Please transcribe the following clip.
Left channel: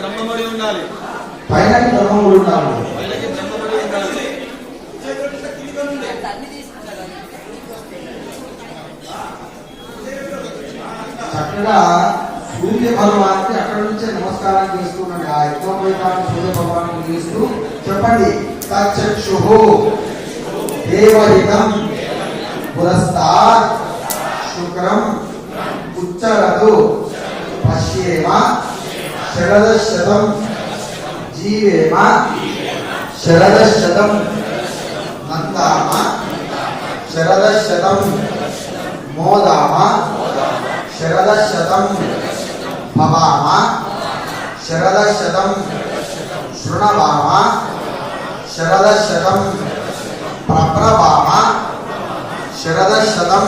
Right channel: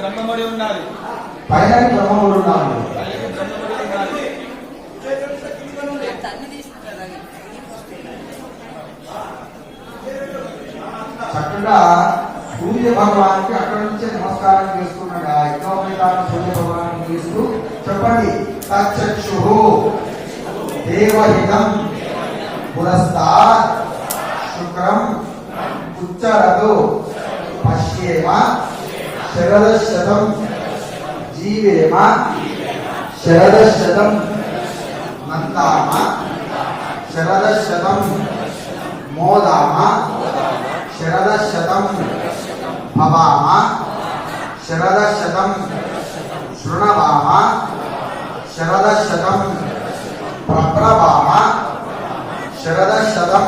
బ్రహ్మముడి ఉండాలి. పైనకి బ్రహ్మముడు ఉండాలి. చక్కగా సూర్య భగవానికి అక్కడి నుంచే నమస్కారం చేస్తున్నాడు. ఆ యజ్ఞోపేతాన్ని సూర్య భగవానికి చేస్తూ చెప్పండి. తచ్చక్షు దేవహితం పురస్తాత్ శుక్రం ఉచ్చరతు పశ్యేమ శరదశతం జీవేమ శరదశతం నందామ శరదశతం మోదామ శరదశతం భవామ శరదశతం శృణవామ శరదశతం ప్రప్రవామ శరదశతం